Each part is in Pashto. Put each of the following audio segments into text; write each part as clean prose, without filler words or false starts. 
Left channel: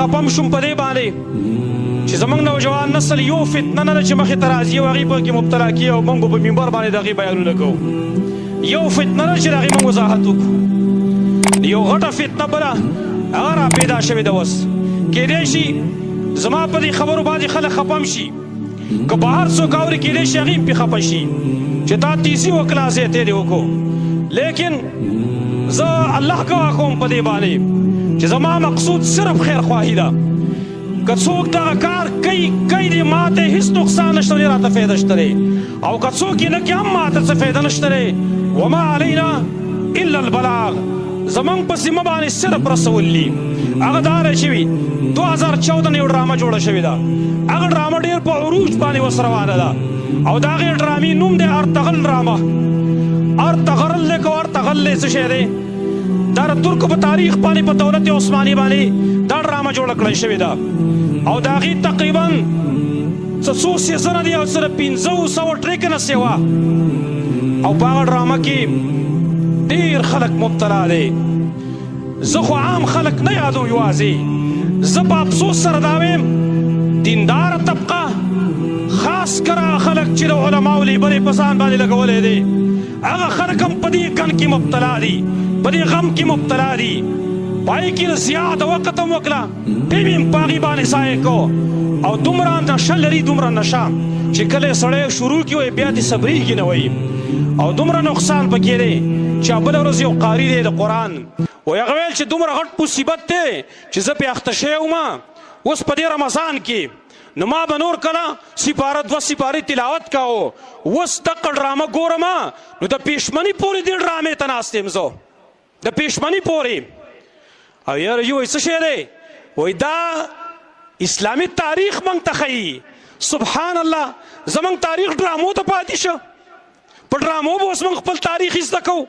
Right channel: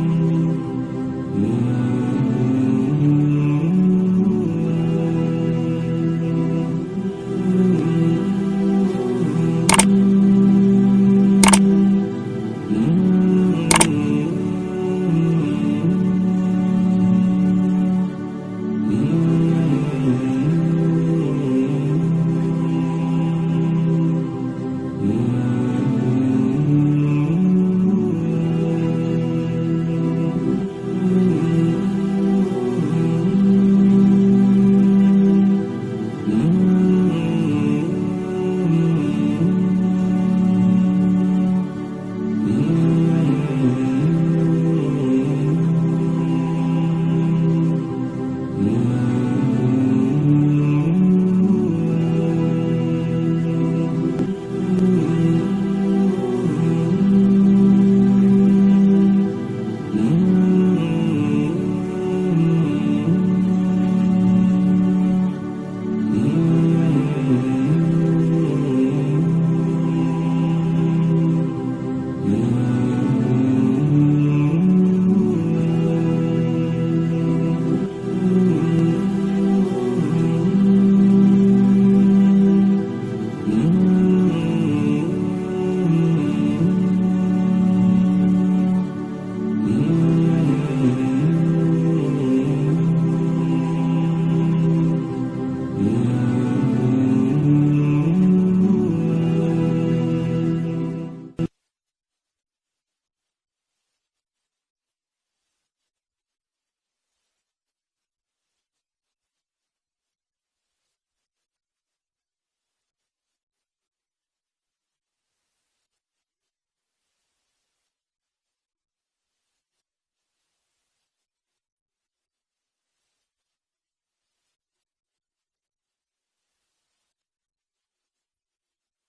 خپم شوم په دې باندې چې زموږ نوجوان نسل یو فتنه نه ده چې مخې ته راځي او هغې پکې مبتلا کېږي او موږ په منبر باندې د هغې بیانونه کوو. یو فتنه نه چې د هغې موږ وضاحت وکړو. یو غټه فتنه بله هغه را پیدا شوې ده اوس. کیدای شي زما په دې خبرو باندې خلک خپم شي، که بهر څوک اوري کیدای شي هغې پې خفه شي چې تا تیزي وکړه زیاتې دې وکړو. لیکن زه الله ګواه کوم په دې باندې چې زما مقصود صرف خیرخواهي ده. که څوک دغه کار کوي دې ما ته هېڅ نقصان نشته دی، راته فایده شته دی، او که څوک یې نه کړي هم ما ته څه فایده نشته دی. وما علینا الا البلاغ، زموږ په ذمه باندې صرف رسول دي. هغه دا دی چې 2014 یو ډرامه جوړه شوې ده. هغه ډرامه ډېر په عروج باندې اوس روانه ده او د هغې ډرامې نوم دی ارتغل ډرامه. ارتغرل دی که ارتغل دی څه شی دی؟ دا د ترکو په تاریخ باندې په دولت عثماني باندې دا ډرامه جوړه کړې شوې ده او د هغې تقریبا څو سیزنه دي او سره 500 ټریکه سیوا او په هغه ډرامه کې ډېر خلک مبتلا دی. زه خو عام خلک نه یادو، یوازې زه په افسوس سره دا وایم دینداره طبقه خاص کر خلک چې د علماو لیبلې په ځان باندې لګولی دی هغه خلک هم په دې کن کې مبتلا دي، په دې غم کې مبتلا دي. په هغې کې زیاته وخت هم وکړه، ټیم یې په هغې باندې ضایع کو او دومره نشه لري، دومره نشه چې کله یې سړی شروع کړي وایي بیا دې صبرېږي نه وایي او دومره نقصان پکې دی چې بله ورځ یو قاري دی د قرآن وایي هغه ویل چې دومره غټ مصیبت دی چې زه پې اخته شوی وم اوس په دې رمضان کې نو ما به نور کله سپاره 2 سپارې تلاوت کوو، اوس دغه ډرامه ګورم نو د پېشمني پورې دې ډرامې ته ناست یم زه، د پېشمني پورې. او یاره یو وایي څه شی دی؟ وایي دا اسلامي تاریخ موږ ته ښیي. سبحان الله، زموږ تاریخ ډرامو ته پاتې شه. په ډرامو به اوس موږ خپل تاریخ زده کوو.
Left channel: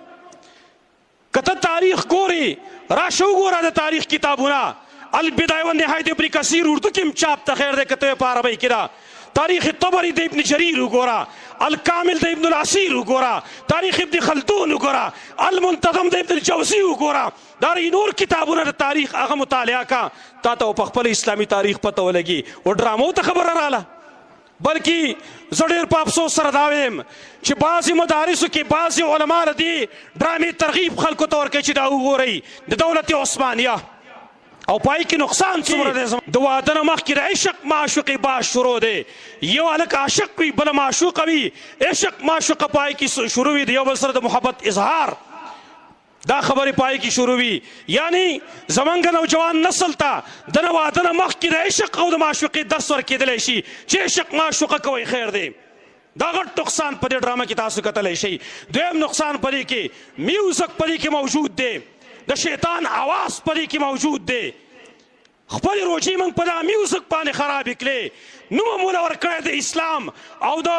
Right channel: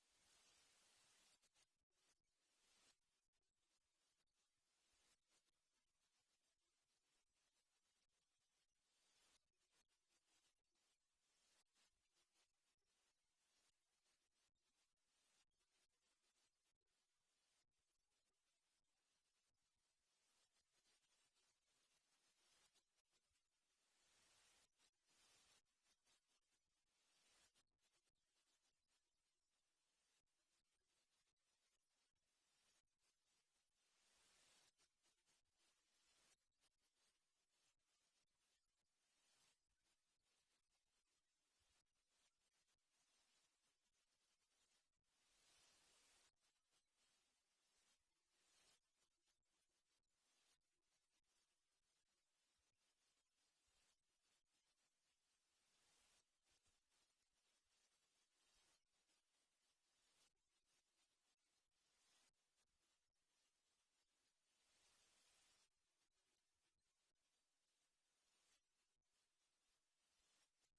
که ته تاریخ ګورې راشه وګوره د تاریخ کتابونه، البدایه والنهایه د ابن کثیر اردو کې هم چاپ ته خیر دی، که ته یې په عربۍ کې ده. تاریخ طبري د ابن جریر وګوره، الکامل د ابن العصیر وګوره، تاریخ ابن خلدون وګوره، المنتظم د ابن الجوزي وګوره. دا نور کتابونه د تاریخ هغه مطالعه کا، تا ته په خپل اسلامي تاریخ پته ولګي. و ډرامو ته خبره راله. بلکې زه ډېر په افسوس سره دا وایم چې بعضې مدارسو کې بعضې علما له دې ډرامې ترغیب خلکو ته ورکوي چې دا وګورئ د دولت عثمانیه او پای کې نقصان څومره دی. د واده نه مخکې د عشق معشوقې باز شروع دی. یو هلک عاشق وي بله معشوقه وي، عشق معشوقه پای کې شروع وي، د یو بل سره د محبت اظهار دا خبرې پای کې شروع وي. یعنی زمونږ نوجوان نسل ته د نه واده نه مخکې د عشق او د معشوقې درس ورکېدلی شي چې عشق معشوقه کوئ خیر دی. دا غټ نقصان په دې ډرامه کې تاسو کتلی شئ. دویم نقصان په دې کې میوزک په دې کې موجود دی، د شیطان آواز په دې کې موجود دی. خپل روجې موږ په دغه میوزک باندې خرابې کړې، نوم مو له ورکړی د اسلام او د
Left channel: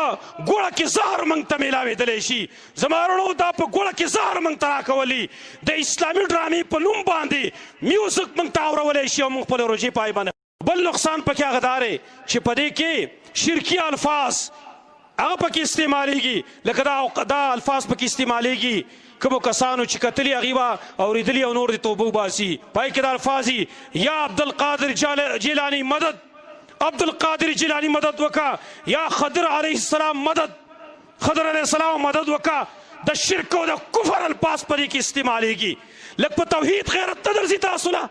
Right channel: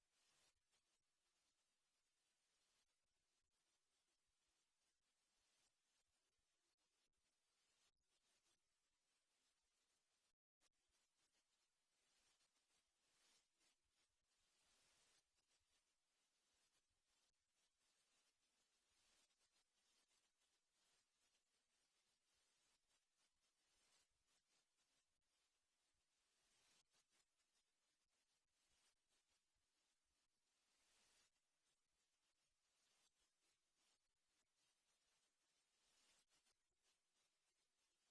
ګوړه کې زهر موږ ته میلاوېدلی شي. زما وروڼو دا په ګوړه کې زهر موږ ته راکولي، د اسلامي ډرامې په نوم باندې میوزک موږ ته اورولی شي او موږ خپل روجې پای باندې. بل نقصان پکې هغه دا دی چې په دې کې شرکي الفاظ هغه پکې استعمالیږي، لکه دا الفاظ پکې استعمالیږي کومو کسانو چې کتلي هغې به اورېدلي او نور د توبه وباسي. پای کې دا الفاظ یا عبدالقادر جیلاني مدد، عبدالقادر جیلاني مدد وکړه، یا خضر علیه السلام مدد، خضر علیه السلام مدد وکړه. د شرک او د کفر الفاظ په دې کې استعمالیږي. لږ په توحید غیرت ته درځي تاسو له،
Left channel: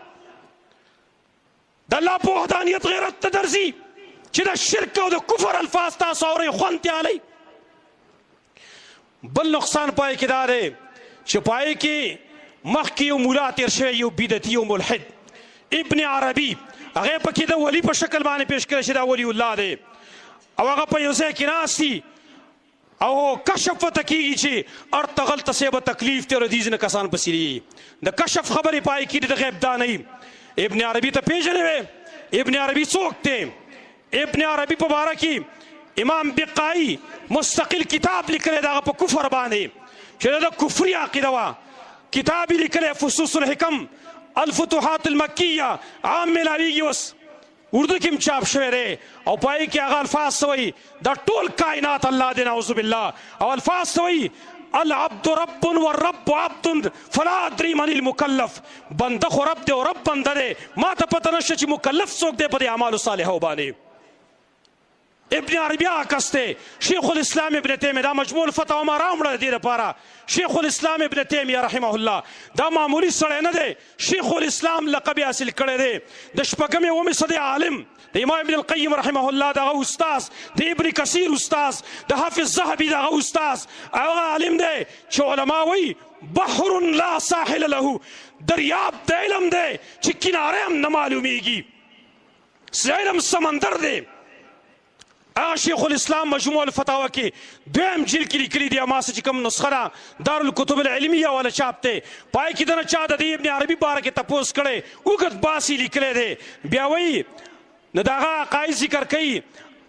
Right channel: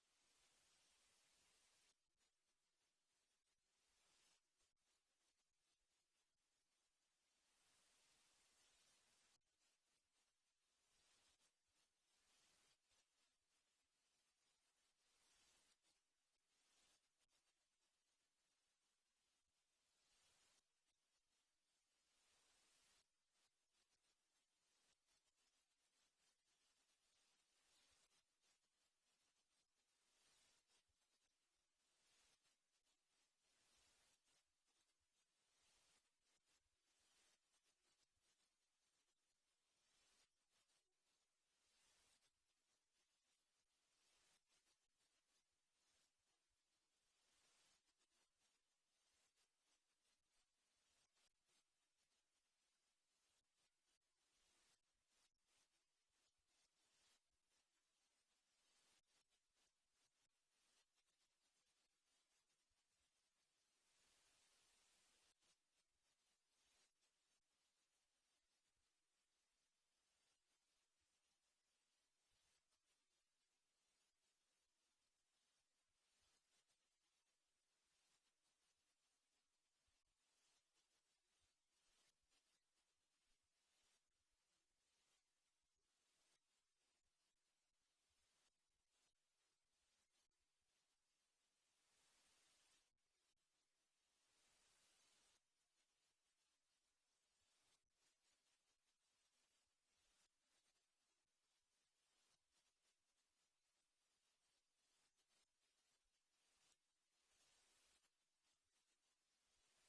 د الله په وحدانیت غیرت ته درځي چې د شرک او د کفر الفاظ تاسو اورئ خوند تیالی. بل نقصان پای کې دا دی چې پای کې مخکې یو ملا تېر شوی، یو بدعتي او ملحد ابن عربي، هغه پکې د ولی په شکل باندې پیش کړی چې دا ولی الله دی او هغه په یو ځای کې ناست دي او کشف ورته کېږي چې ارتغل ته صاحبه تکلیف دی او د دې ځینې کسان پسې دي. د کشف خبرې پای کې د غیب دانۍ. ابن عربي ته پېژنې وې؟ ابن عربي څوک دی؟ ابن عربي په باره کې امام بقایي مستقل کتاب لیکلی د هغه په کفر باندې چې دا د کفري عقیده وه. کتاب یې لیکلی فصوص الحکم الفتوحات المکیه، عام میلاویږي اوس اردو کې هم چاپ شوی دی او پای کې هغه الفاظ څه وایي؟ دا ټول کائنات الله دی نعوذ بالله. او الفاظ څه وایي؟ العبد رب والرب عبد فلا ادري من المکلف. بنده خو رب دی او رب بنده دی، ما ته پته نشته چې مکلف څوک دی په دې اعمالو صالحو باندې. ابن عربي هغه کس دی، شیخ الاسلام ابن تیمیه دا مجموع الفتاوا ما راوړه دې دپاره. شیخ الاسلام ابن تیمیه رحمه الله دا معمولی سړی نه دی، شیخ الاسلام لقب یې حاصل کړی دی، د شپږمې اومې صدۍ عالم، د امام ابن القیم رحمه الله دغه استاذ، د ابن کثیر استاذ، د حافظ ذهبي دغه استاذ، هغه عالم دی چې علما وایي بحر لا ساحل له، دریاب د علم دی چې کناره هم نه معلومیږي، علم سمندر دی. هغه شیخ الاسلام مجموع الفتاوا کې دویم جلد کې لیکلي دي، ما څه چې کوم نسخه ده دارالکتب العلمیه والا چاپ دی، پای کې دنه چا د دې ابن عربي باره کې تپوس کړی، اوږد باس یې لیکلی دی. بیا وایي نو د هغه عقاید ذکر کوي،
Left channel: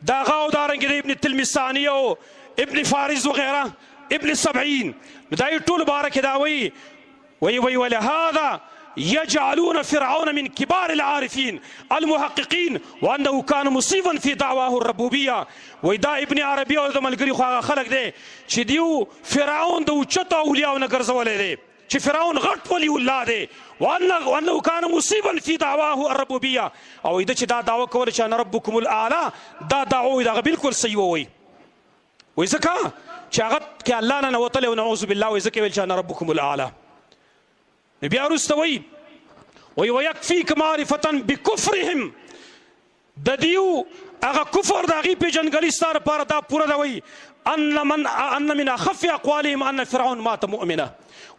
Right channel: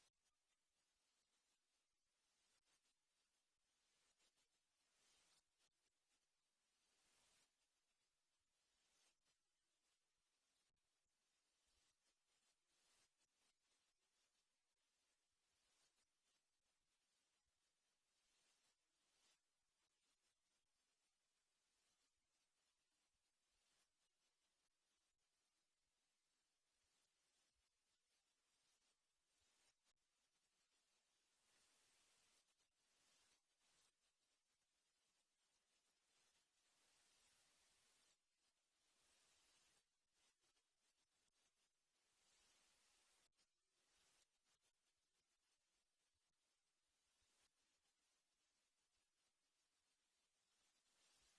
د هغه او دارنګې د ابن تلمساني او ابن فارس وغیره ابن سبعین، نو دا یې ټول باره کې دا وایي ولهذا يجعلون فرعون من كبار العارفين المحققين وانه كان مصيبا في دعواه الربوبيه. ودا ابن عربي او د ملګری خو هغه خلک دی چې دیو فرعون د اوچتو اولیاءو نه ګرځولی دی، چې فرعون غټ ولی الله دی، وانه كان مصيبا في دعواه الربوبيه، او د چې دا دعوه کوله چې انا ربكم الاعلى، دا دعوه دغه بالکل صحیح ووي. وایي ځکه چې هغه کې الله نه نوتلی او نعوذ بالله، وایي ځکه ویل چې انا ربكم الاعلى. بیا وروسته وایي ویکفیک معرفة بکفرهم، د دیو هغه کفر د هغې پېژندګلي ستا دپاره دا پوره ده. وایي ان من اخف اقوالهم ان فرعون مات مؤمنه،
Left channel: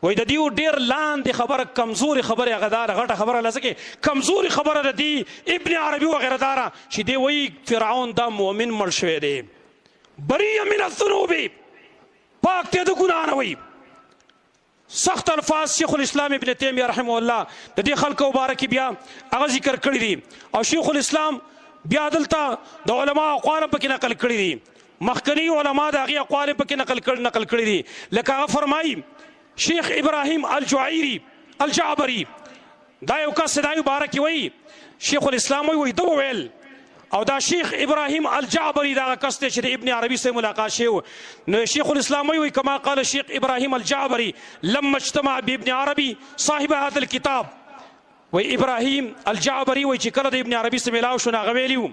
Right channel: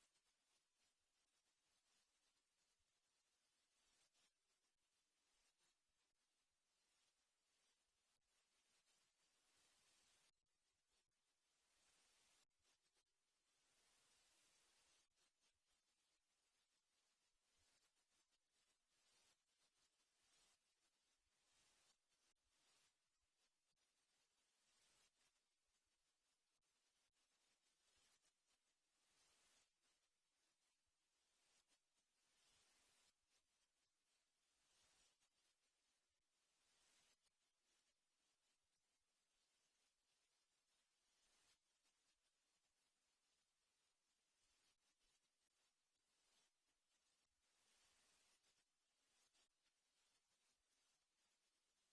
وایي د دیو ډېر لاندې خبره کمزورې خبرې هغه دا غټه خبره لکه کې کمزورې خبره د دی ابن عربي وغیره دا ده چې دی وایي فرعون دا مؤمن مړ شوی دی، بریء من الذنوب، پاک دی د ګناه نه. وایي سخت الفاظ شیخ الاسلام ابن تیمیه رحمه الله د دې خلکو مبارکي بیا هغه ذکر کړي دي، او شیخ الاسلام بیا دلته د علما اقوال پکې نقل کړي دي، مخکني علما د هغې اقوال پکې نقل کړي دي. لکه هغه فرمایي شیخ ابراهیم الجعبري دا یو کس دا مبارکي وایي شیخ الاسلام وایي ده وویل، او دا شیخ ابراهیم الجعبري دا کس دی چې د ابن عربي سره ملاقات شوی. نو شیخ الاسلام وایي کما قال شیخ ابراهیم الجعبري لما اجتمع بابن عربي صاحب هذا الكتاب، وایي ابراهیم الجعبري وایي چې کله د ابن عربي سره ملاو شو نو هغه ویلي و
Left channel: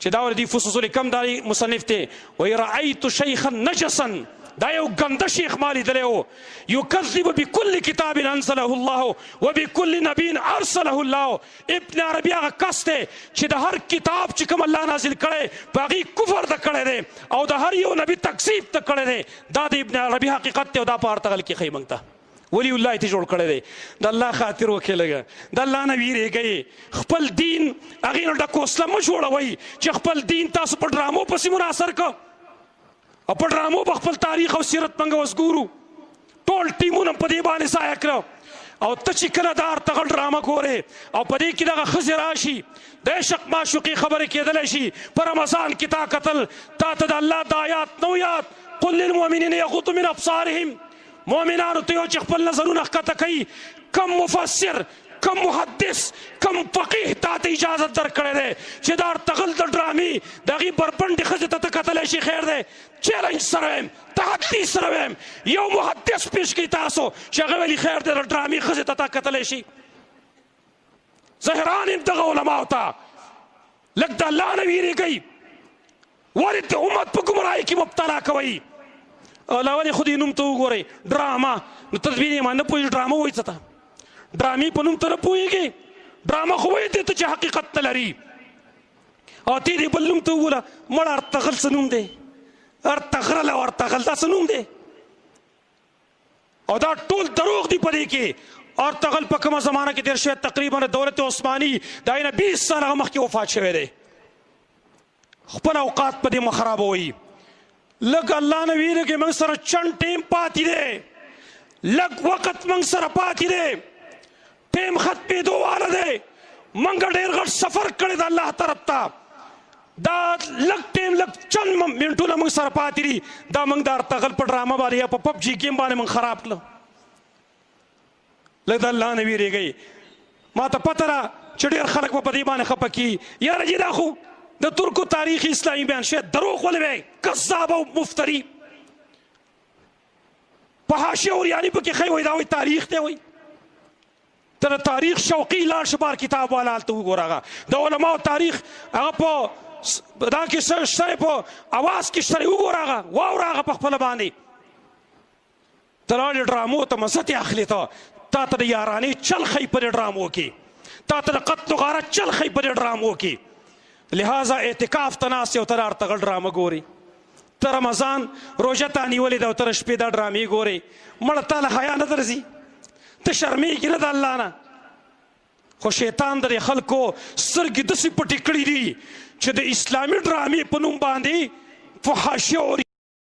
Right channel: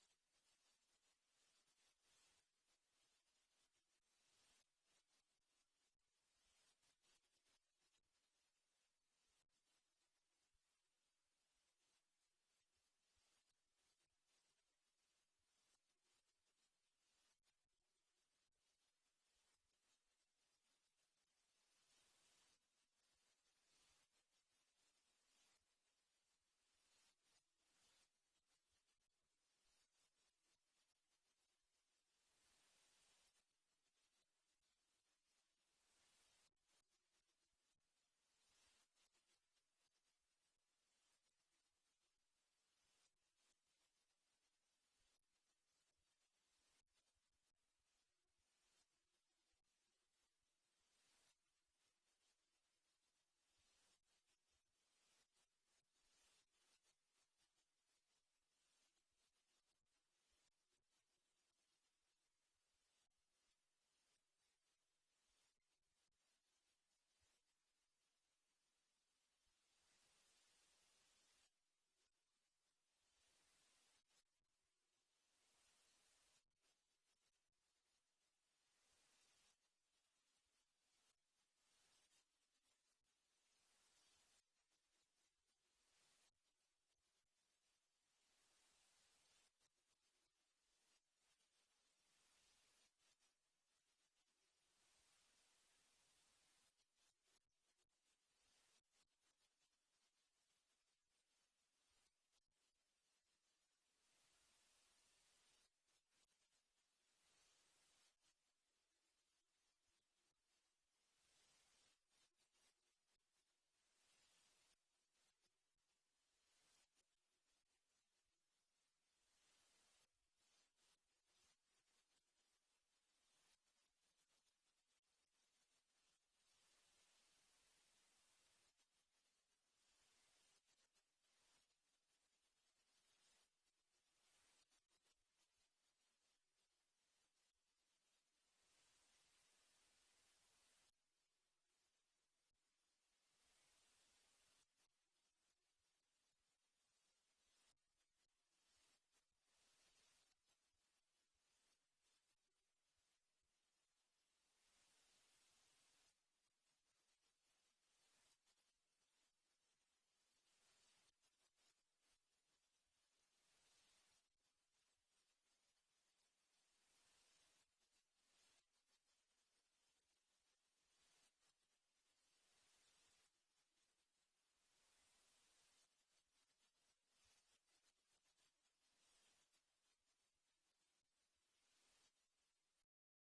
چې دا ولدي فصوص الحکم دا مصنف دی، وایي رأیت شیخا نجسا، دا یو ګنده شیخ ما لیدلی و، یکذب بکل کتاب انزله الله وبکل نبی ارسله الله. ابن عربي هغه کس دی چې د هر کتاب چې کوم الله نازل کړی په هغې کفر ته کړی دی او د هر یو نبي تکذیب ته کړی دی. دا د ابن عربي حقیقت دی او دا په ارتغل کې ښیي موږ ته. ولی الله ته جوړ کړی دی، د الله خاطر وکړئ، لږه د الله نه ویرېږئ، خپل دین هغې نه ډک وسله مه جوړوئ چې خپل دین تاسو په ډرامو پسې منحصر کړه، او په ډرامو به خپل تاریخ او سیرت موږ اوس ګورو، ټول ټیمونه په دې باندې ضایع کړه. او ته چې کله دا ارتغل ډرامه ګورې او په دې کې دغه ښځې راشي د عشق معشوقي خبرې کېدلی شي، په رمضان کې تا کتل، تا ته د الله د آیات نو یاد قل للمؤمنین یغضوا من ابصارهم، مؤمنانو ته یو چې خپل نظرونه ښکته کوي، کم مفسر کم محدث کم فقیه تا ته اجازه درکړی دی چې دا ارتغل د ډرامې د هغې بربنډې ښځې ته ته کتلی شي؟ خیر دی، چیلنج سره وایم، تحدي سره وایم، یو محدث پیش کړي تاسو چې هغه ویلي خیر دی د ډرامې ښځې ته تا کتلی شي؟ زه حیران یم دغه علماو ته، لږ د الله نه ویرېږئ، ولې د امت په ګمراهۍ کې مبتلا کوئ؟ الله ولې خو دې نوم ته وګورئ ډرامه، نو ته بیا ما نه پوهېږي ډرامه وایي څه ته؟ ډرامې په نوم ته نه پوهېږې، ډرامه خو وایي دې ته چې حقیقت نه لري. او تی دې بل نوم ته وګوره، مړ ارتغل څه نوم دی؟ ارتغرل او ارتغل دا څه نوم دی؟ او دا ټول دروغ دي په دې کې. ارتغل په کومه زمانه کې تېر شوی؟ تقریبا دولت عثماني د نه 20 سال هغه مخکې وفات شوی دی. خپل اوقات په دې مه خرابوئ، لږ الله نه ویرېږئ، موږ سره چند ټیم پاتې دی، لږ وخت موږ سره پاتې دی، ټیم ختمېدو واله دی، موږ ډېر غټ سفر کړی د الله طرف ته، دا لږ ټیم لږ چند منټونه موږ سره پاتې دي، دا موږ د ارتغل په ډرامه باندې یا په پب جي ګیم باندې موږ خراب کړه. لږ د الله نه ویرېږئ. ما ته پته ده چې ډېر خلک به په دې باندې خفه کي، یاره جي دا خو د ترکو تاریخ اسلامي بیان شوی، دروغ ولې وایي؟ کذاب او مفتري. په حاشیه اوریاني پکې ښی وایي دا وایي تاریخ دی وایي ته د تاریخ شوقي لاړ شه بار کتاب والا هلته وګوره هغه د علماو تاریخ هغه په دا کې شته په اواز کې شته وګوره هغه واوره هغه په خپله باندې ته لاړې ډرامو ته مزت یې اخلي تا ته د یارانې چل ښیي په دې ډرامو کې تا ته د قتل و غارت چل ښیي په دې ډرامو کې لہذا اعتکاف ته ناست یې او ته لاړ ته غل ډرامه ګوري ته رمضان روژه تا نیولې ده او ته د شپې دا ډرامې ګورې مړه تا له حیا نه درځي ته شرمېږي نه د الله نه خو شیطان د خلکو سترګې داسې پټې کړي دي چې د اسلامي ډرامې په نوم باندې فحاشیه